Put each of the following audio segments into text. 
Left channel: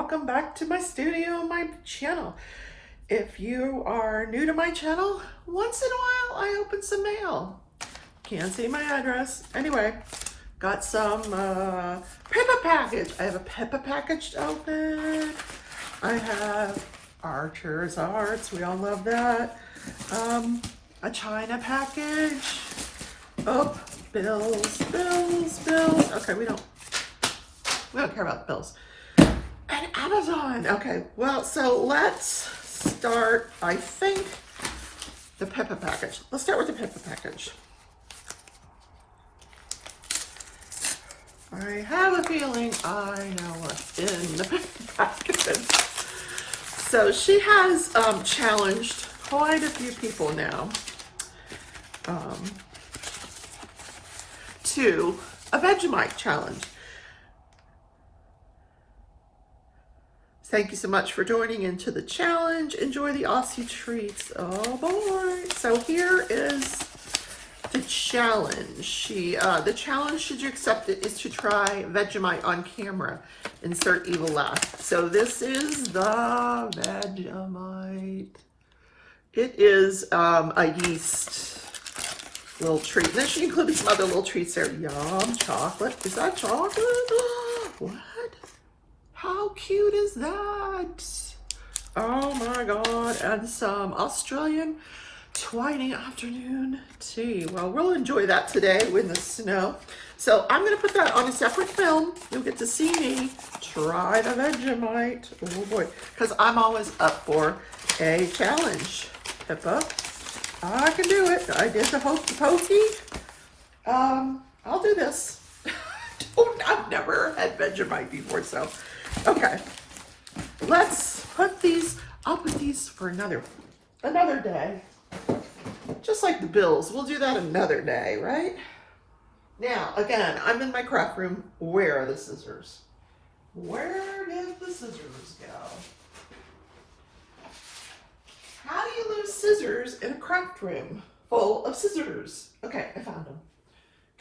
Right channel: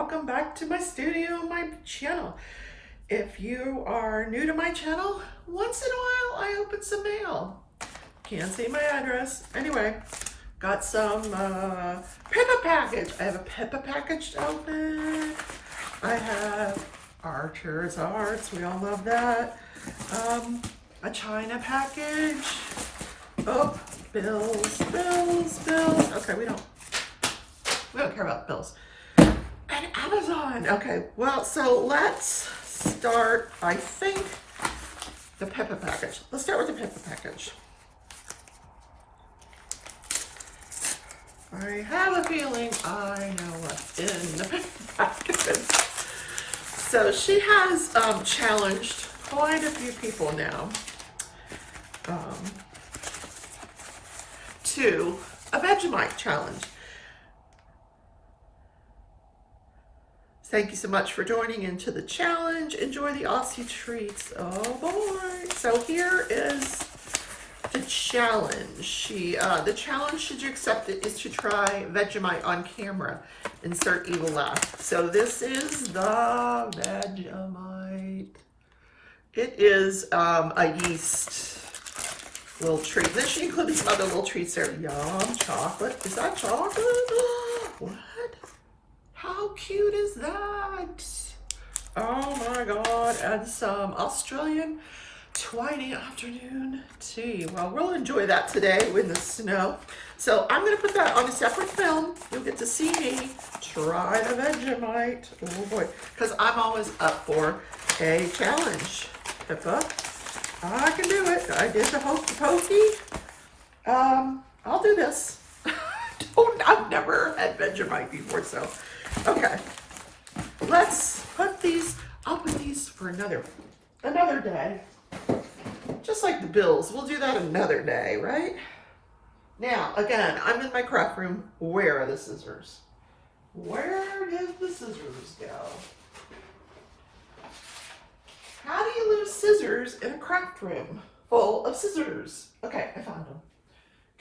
welcome back to my studio, my channel. If you are new to my channel, once in a while I open some mail. Can't see my address. Anyway, got some Pippa package. I have a Pippa package to open. I have Archer's Arts, we all love that. A China package. Oh, bills. Okay, we don't care about the bills. And Amazon. Okay, well, so let's start, I think, the Pippa package. Let's start with the Pippa package. I have a feeling I know what's in the Pippa package. So she has challenged quite a few people now to a Vegimite challenge. Thank you so much for joining into the challenge. Enjoy the Aussie treats. Oh boy. So here is the challenge. The challenge, should you accept it, is to try Vegemite on camera. Insert evil laugh. So this is the Vegemite. It is a yeast little treat. Then she included some other little treats there. Yum, chocolate. Is that chocolate? What? How cute is that? Oh my God. And some Australian twiny afternoon tea. Well, we'll enjoy that today in the snow. So I'm going to put that on a separate film. You'll get to see me try the Vegemite. Oh boy. Because I'm always up for a challenge. Pippa, I can do it. I did the hokey pokey. I'll do this. I've never had Vegemite before, so. Okay, let's put these, I'll put these for another day. Just like the bills, we'll do that another day, right? Now, again, I'm in my craft room. Where are the scissors? Where did the scissors go? How do you lose scissors in a craft room full of scissors? Okay, I found them.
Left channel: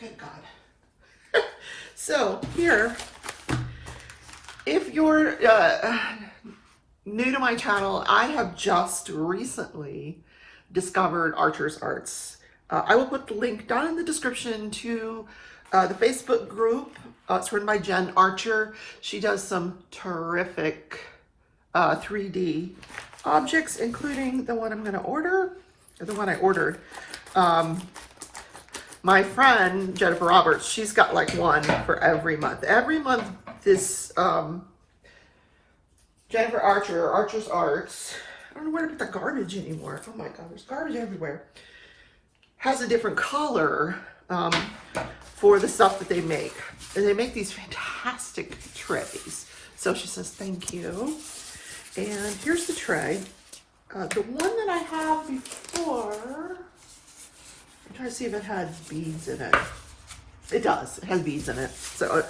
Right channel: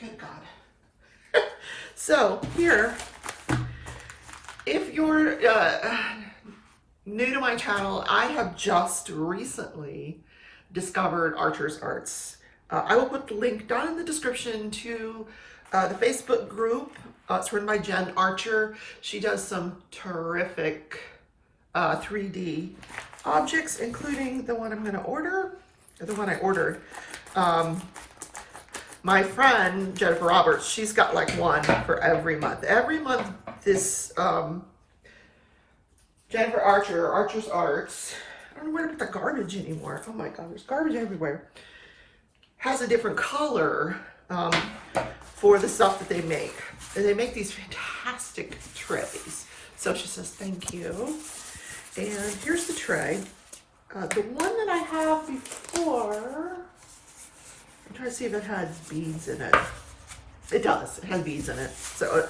Good God. So here, if you're new to my channel, I have just recently discovered Archer's Arts. I will put the link down in the description to the Facebook group. It's run by Jen Archer. She does some terrific 3D objects, including the one I'm going to order, or the one I ordered. My friend Jennifer Roberts, she's got like one for every month. Every month, this Jennifer Archer, Archer's Arts, I don't know where to put the garbage anymore. Oh my God, there's garbage everywhere. Has a different color for the stuff that they make. And they make these fantastic trays. So she says, thank you. And here's the tray. The one that I have before, I'm trying to see if it had beads in it. It does, it has beads in it. So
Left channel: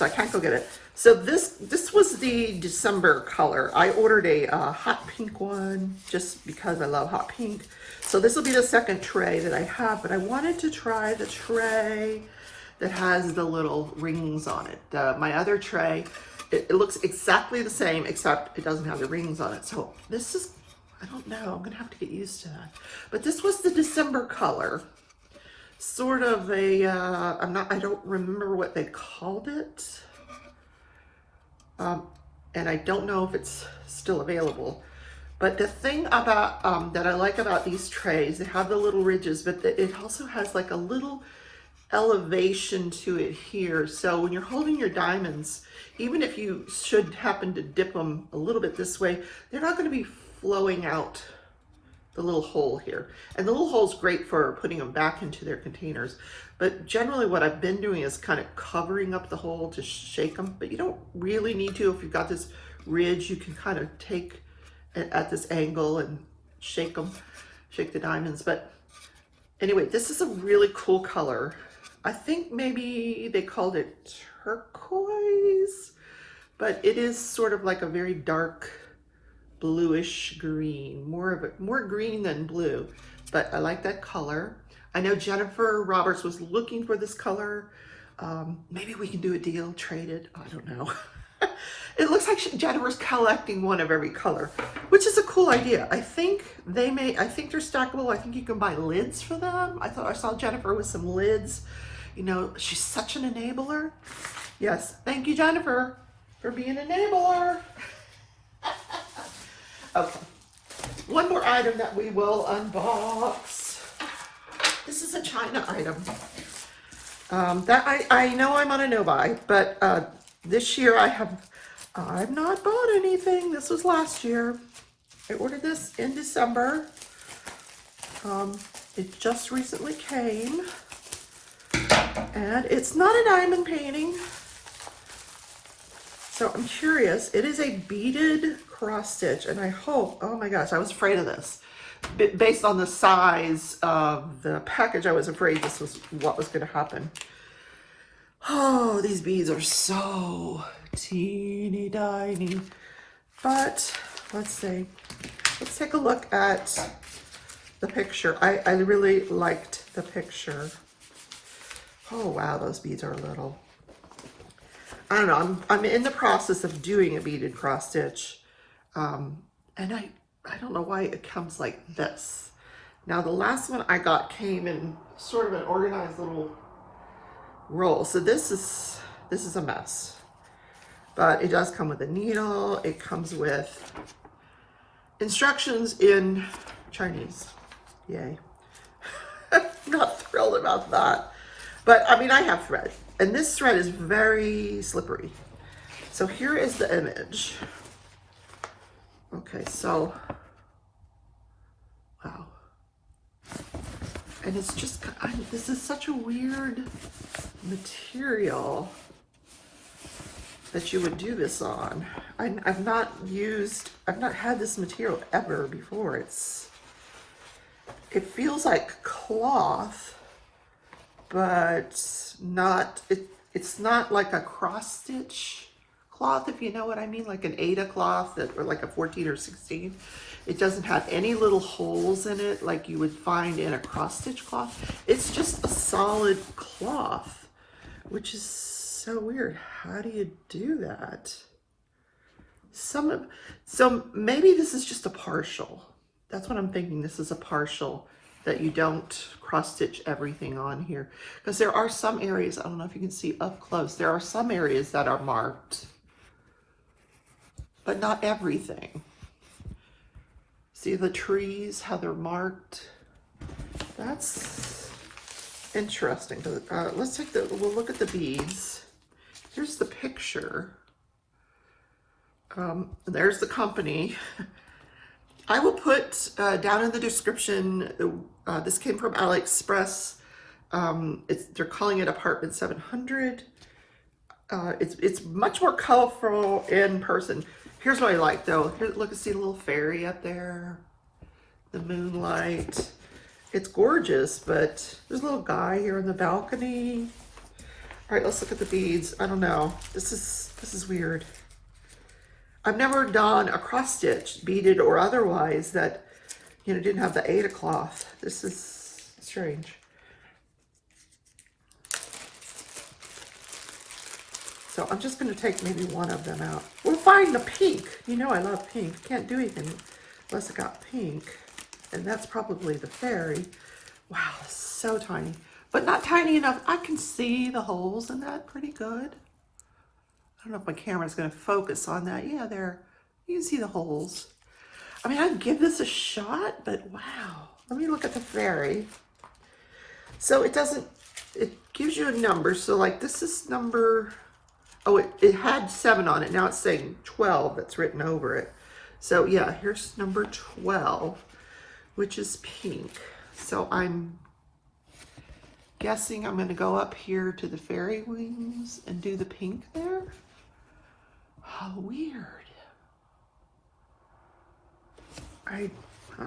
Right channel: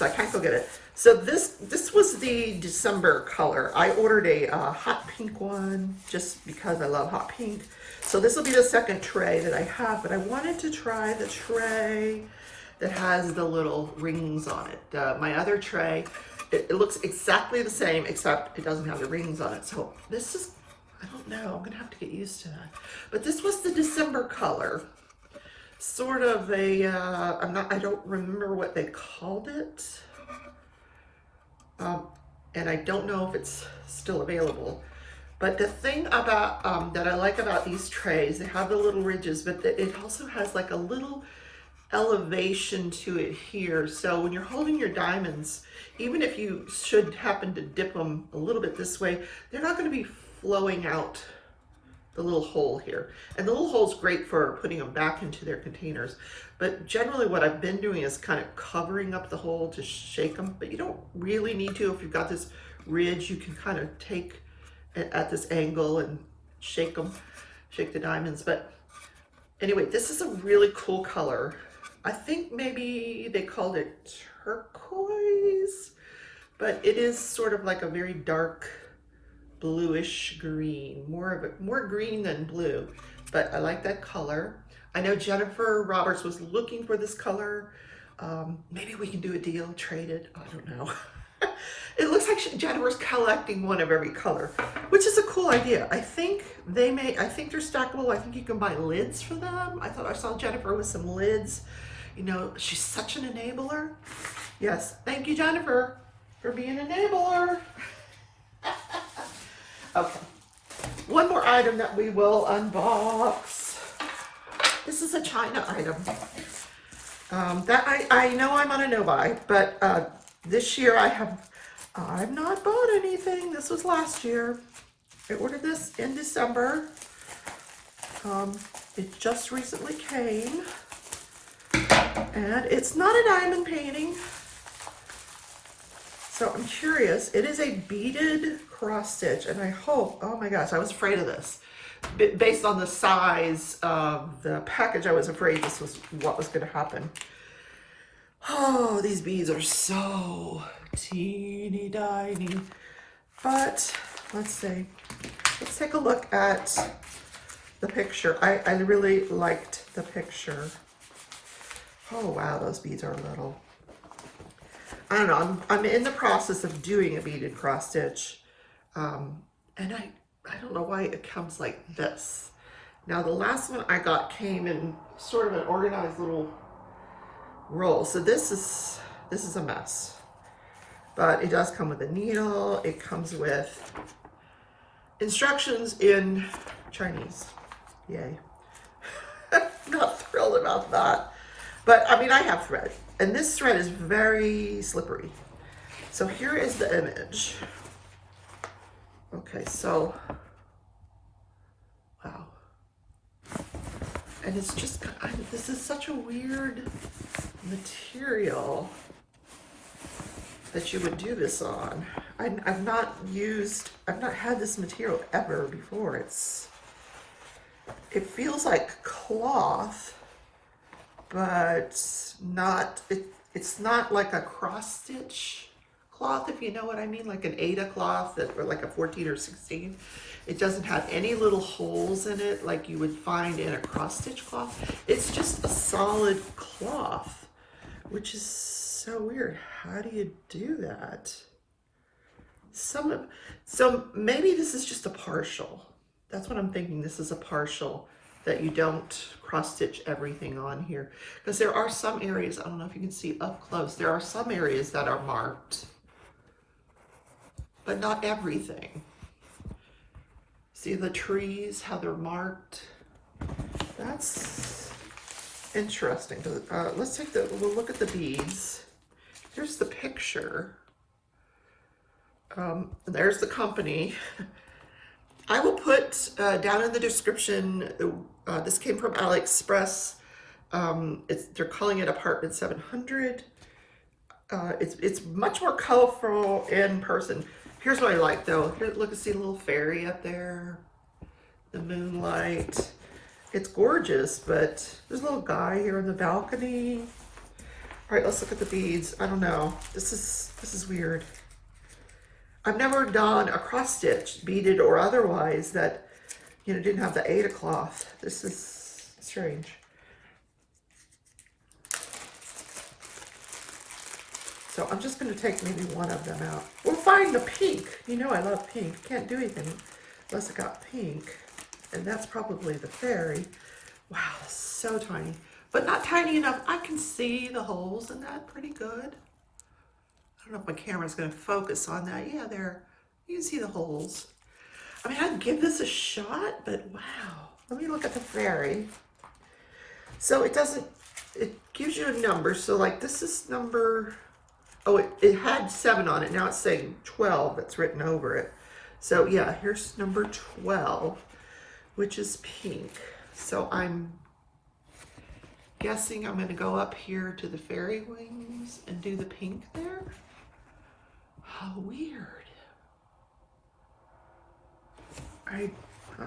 I can't go get it. So this was the December color. I ordered a hot pink one just because I love hot pink. So this will be the second tray that I have, but I wanted to try the tray that has the little rings on it. My other tray, it looks exactly the same, except it doesn't have the rings on it. So this is, I don't know, I'm gonna have to get used to that. But this was the December color. Sort of a, I don't remember what they called it. And I don't know if it's still available. But the thing about, that I like about these trays, they have the little ridges, but it also has like a little elevation to it here. So when you're holding your diamonds, even if you should happen to dip them a little bit this way, they're not going to be flowing out the little hole here. And the little hole is great for putting them back into their containers. But generally what I've been doing is kind of covering up the hole to shake them. But you don't really need to. If you've got this ridge, you can kind of take it at this angle and shake them, shake the diamonds. But anyway, this is a really cool color. I think maybe they called it turquoise, but it is sort of like a very dark bluish green, more green than blue, but I like that color. I know Jennifer Roberts was looking for this color. Maybe we can do a deal, trade it, I don't know. It looks like Jennifer's collecting one of every color, which is a cool idea. I think they're stackable. I think you can buy lids for them. I thought I saw Jennifer with some lids. You know, she's such an enabler. Yes, thank you, Jennifer, for being an enabler. Okay, one more item that we will unbox. This is a China item that I know I'm on a no-buy, but this year I've not bought anything. This was last year. I ordered this in December. It just recently came, and it's not a diamond painting. So I'm curious. It is a beaded cross stitch, and I hope, oh my gosh, I was afraid of this. Based on the size of the package, I was afraid this was what was going to happen. Oh, these beads are so teeny tiny. But let's see. Let's take a look at the picture. I really liked the picture. Oh wow, those beads are little. I don't know. I'm in the process of doing a beaded cross stitch, and I don't know why it comes like this. Now the last one I got came in sort of an organized little roll. So this is a mess, but it does come with a needle. It comes with instructions in Chinese. Yay. Not thrilled about that. But I mean, I have thread, and this thread is very slippery. So here is the image. Okay, so, wow. And it's just, this is such a weird material that you would do this on. I've not had this material ever before. It feels like cloth, but it's not like a cross stitch cloth, if you know what I mean, like an Ada cloth or like a 14 or 16. It doesn't have any little holes in it like you would find in a cross stitch cloth. It's just a solid cloth, which is so weird. How do you do that? So maybe this is just a partial. That's what I'm thinking. This is a partial, that you don't cross stitch everything on here, because there are some areas, I don't know if you can see up close, there are some areas that are marked, but not everything. See the trees, how they're marked? That's interesting. Let's we'll look at the beads. Here's the picture. There's the company. I will put down in the description, this came from AliExpress. They're calling it Apartment 700. It's much more colorful in person. Here's what I like though. Here, look, see the little fairy up there, the moonlight. It's gorgeous, but there's a little guy here on the balcony. All right, let's look at the beads. I don't know. This is weird. I've never done a cross stitch, beaded or otherwise, that didn't have the Ada cloth. This is strange. So I'm just going to take maybe one of them out. We'll find the pink. You know I love pink. Can't do anything unless it got pink. And that's probably the fairy. Wow, so tiny. But not tiny enough. I can see the holes in that pretty good. I don't know if my camera's going to focus on that. Yeah, there. You can see the holes. I mean, I'd give this a shot, but wow. Let me look at the fairy. So it gives you a number. So like this is number, oh, it had 7 on it. Now it's saying 12 that's written over it. So yeah, here's number 12, which is pink. So I'm guessing I'm going to go up here to the fairy wings and do the pink there. How weird. I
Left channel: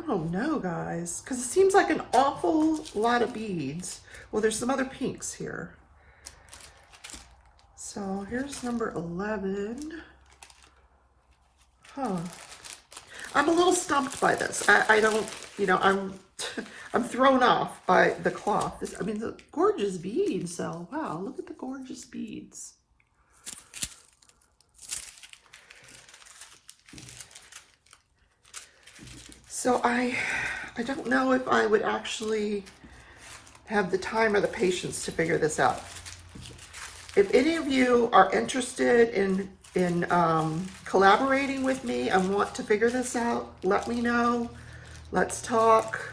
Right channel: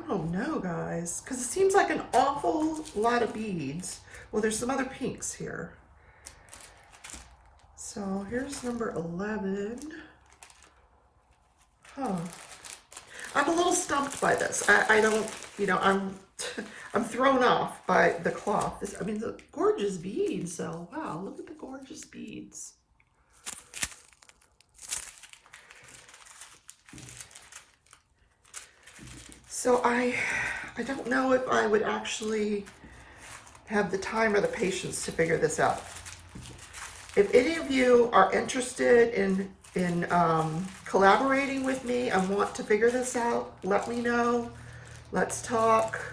don't know, guys, because it seems like an awful lot of beads. Well, there's some other pinks here. So here's number 11. Huh. I'm a little stumped by this. I don't, I'm thrown off by the cloth. I mean, the gorgeous beads. So wow, look at the gorgeous beads. So I don't know if I would actually have the time or the patience to figure this out. If any of you are interested in collaborating with me and want to figure this out, let me know. Let's talk.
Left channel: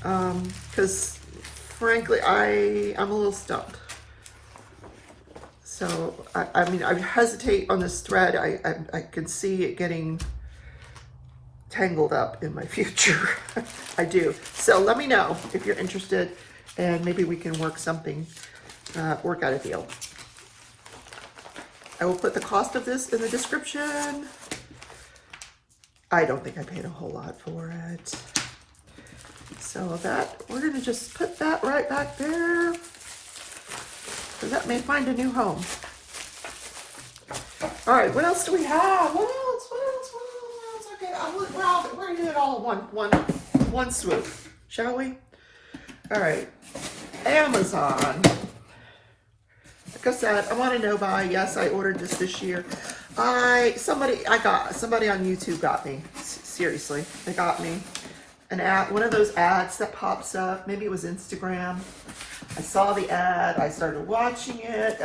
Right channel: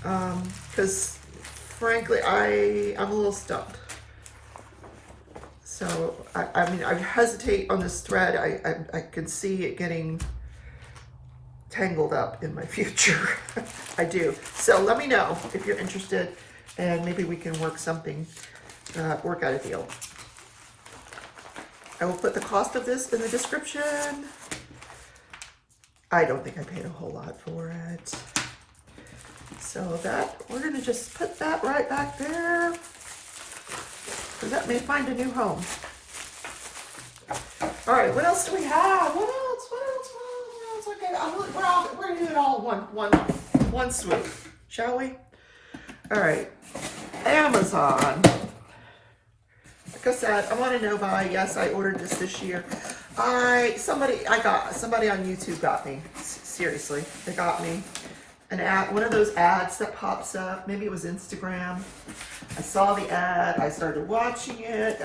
Because frankly, I'm a little stumped. So, I mean, I hesitate on this thread. I can see it getting tangled up in my future. I do. So let me know if you're interested, and maybe we can work something, work out a deal. I will put the cost of this in the description. I don't think I paid a whole lot for it. So that, we're gonna just put that right back there, because that may find a new home. All right, what else do we have? What else? Okay, we're gonna do it all one swoop, shall we? All right, Amazon. Like I said, I want to know by, yes, I ordered this year. Somebody on YouTube got me. Seriously, they got me an ad, one of those ads that pops up. Maybe it was Instagram. I saw the ad. I started watching it.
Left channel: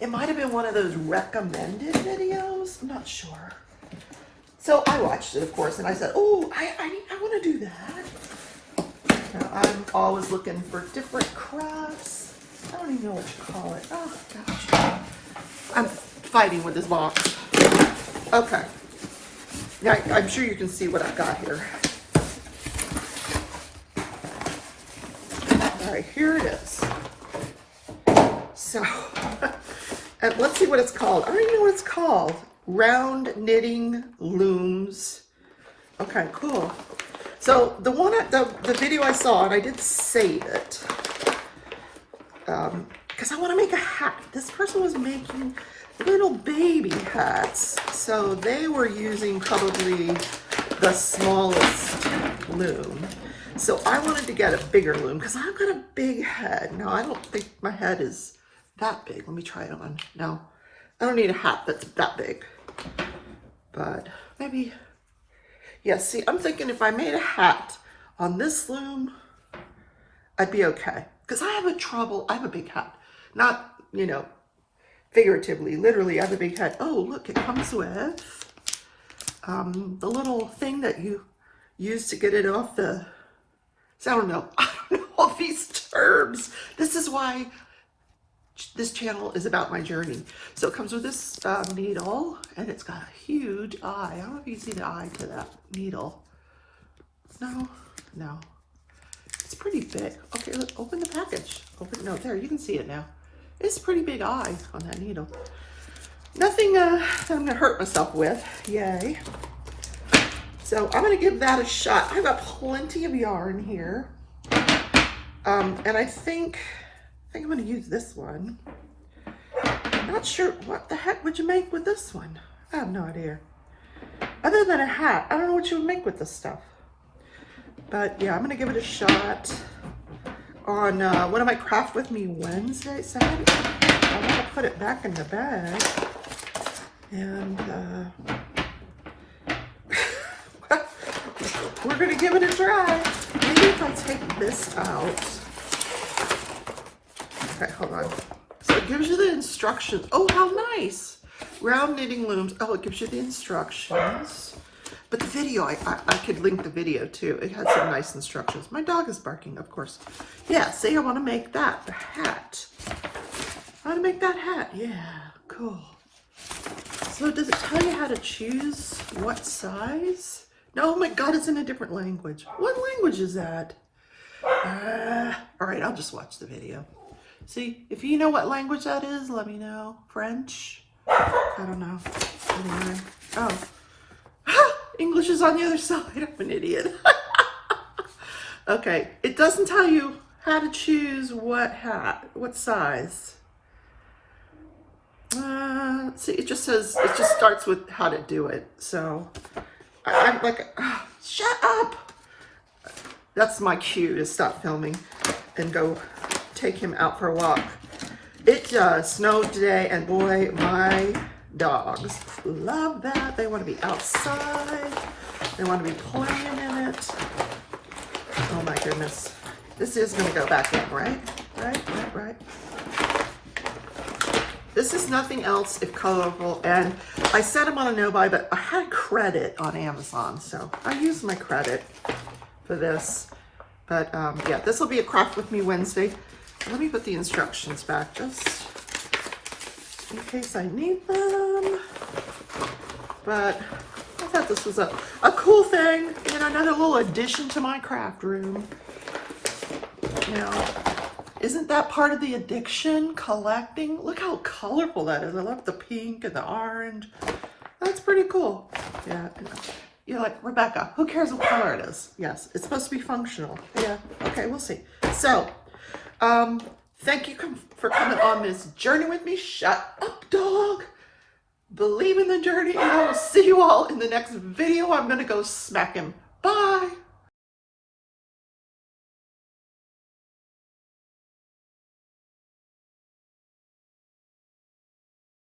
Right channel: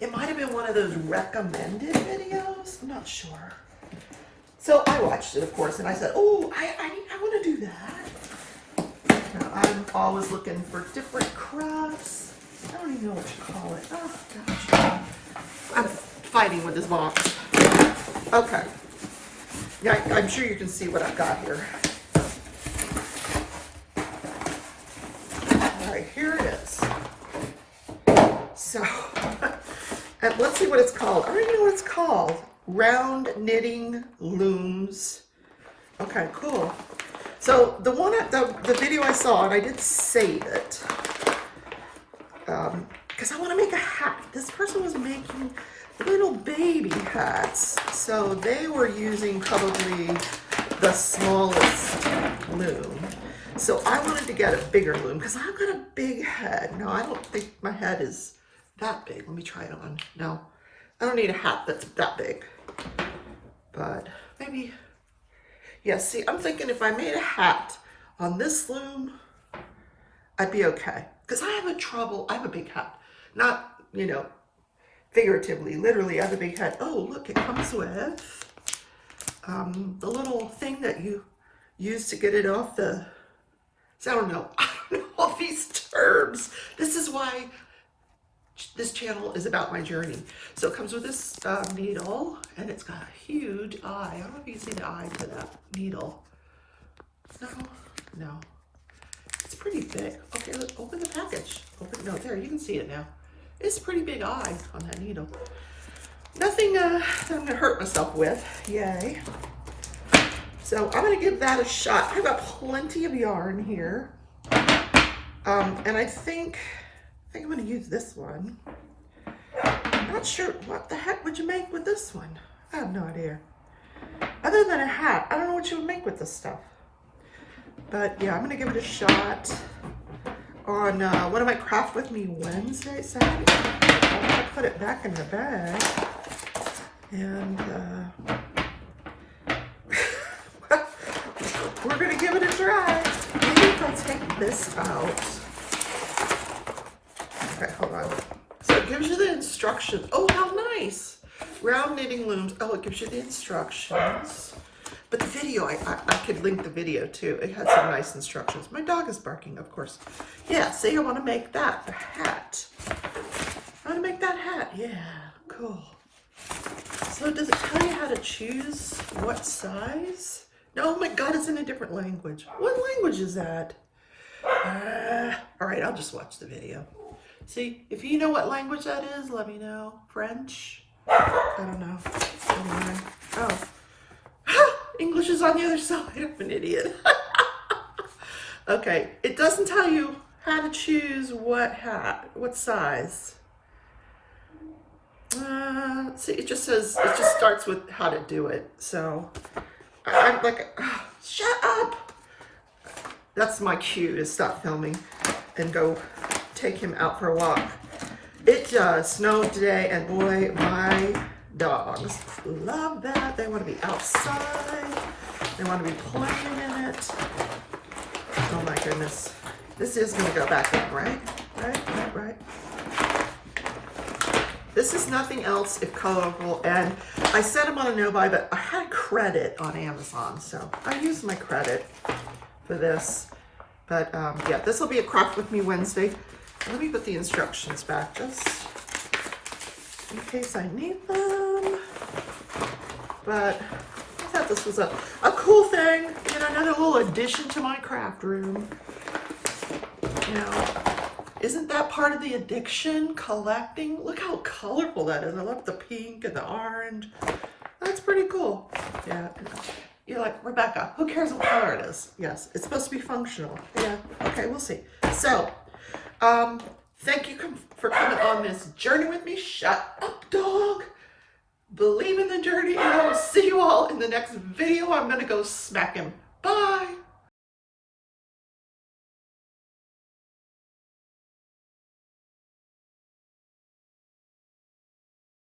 It might have been one of those recommended videos. I'm not sure. So I watched it, of course, and I said, oh, I want to do that. Now, I'm always looking for different crafts. I don't even know what you call it. Oh, gosh. I'm fighting with this box. Okay. Now, I'm sure you can see what I got here. All right, here it is. So, and let's see what it's called. I don't even know what it's called. Round knitting looms. Okay, cool. So the one at the video I saw, and I did save it, because I want to make a hat. This person was making little baby hats, so they were using probably the smallest loom. So I wanted to get a bigger loom because I've got a big head. No, I don't think my head is that big. Let me try it on. No, I don't need a hat that's that big. But maybe, yeah, see, I'm thinking if I made a hat on this loom, I'd be okay. Because I have a big hat. Not, you know, figuratively, literally, I have a big head. Oh, look, it comes with the little thing that you use to get it off the, so I don't know all these terms. This is why this channel is about my journey. So it comes with this needle, and it's got a huge eye. I don't know if you can see the eye to that needle. No. It's pretty big. Okay, look, open the package. No, there, you can see it now. It's a pretty big eye on that needle. Nothing that I'm gonna hurt myself with, yay. So I'm gonna give that a shot. I've got plenty of yarn here. And I think I'm gonna use this one. I'm not sure what the heck would you make with this one. I have no idea. Other than a hat, I don't know what you would make with this stuff. But yeah, I'm gonna give it a shot on one of my Craft With Me Wednesdays. I'm gonna put it back in the bag. And we're gonna give it a try. Maybe if I take this out. Okay, hold on. So it gives you the instructions. Oh, how nice. Round knitting looms. Oh, it gives you the instructions. But the video, I could link the video too. It had some nice instructions. My dog is barking, of course. Yeah, say I want to make that, the hat. I want to make that hat. Yeah, cool. So does it tell you how to choose what size? No, oh my God, it's in a different language. What language is that? All right, I'll just watch the video. See, if you know what language that is, let me know. French? I don't know. Anyway. Oh. English is on the other side. I'm an idiot. Okay, it doesn't tell you how to choose what hat, what size. Let's see, it just starts with how to do it. So I'm like, oh, shut up. That's my cue to stop filming and go take him out for a walk. It just snowed today, and boy, my dogs love that. They want to be outside. They want to be playing in it. Oh my goodness. This is going to go back in, right? Right. This is nothing else if colorful, and I set them on a no-buy, but I had credit on Amazon, so I used my credit for this. But yeah, this will be a Craft With Me Wednesday. Let me put the instructions back just in case I need them. But I thought this was a cool thing, and another little addition to my craft room. You know, isn't that part of the addiction, collecting? Look how colorful that is. I love the pink and the orange. That's pretty cool. Yeah. You're like, Rebecca, who cares what color it is? Yes, it's supposed to be functional. Yeah, okay, we'll see. So, thank you for coming on this journey with me. Shut up, dog. Believe in the journey, and I will see you all in the next video. I'm going to go smack him. Bye.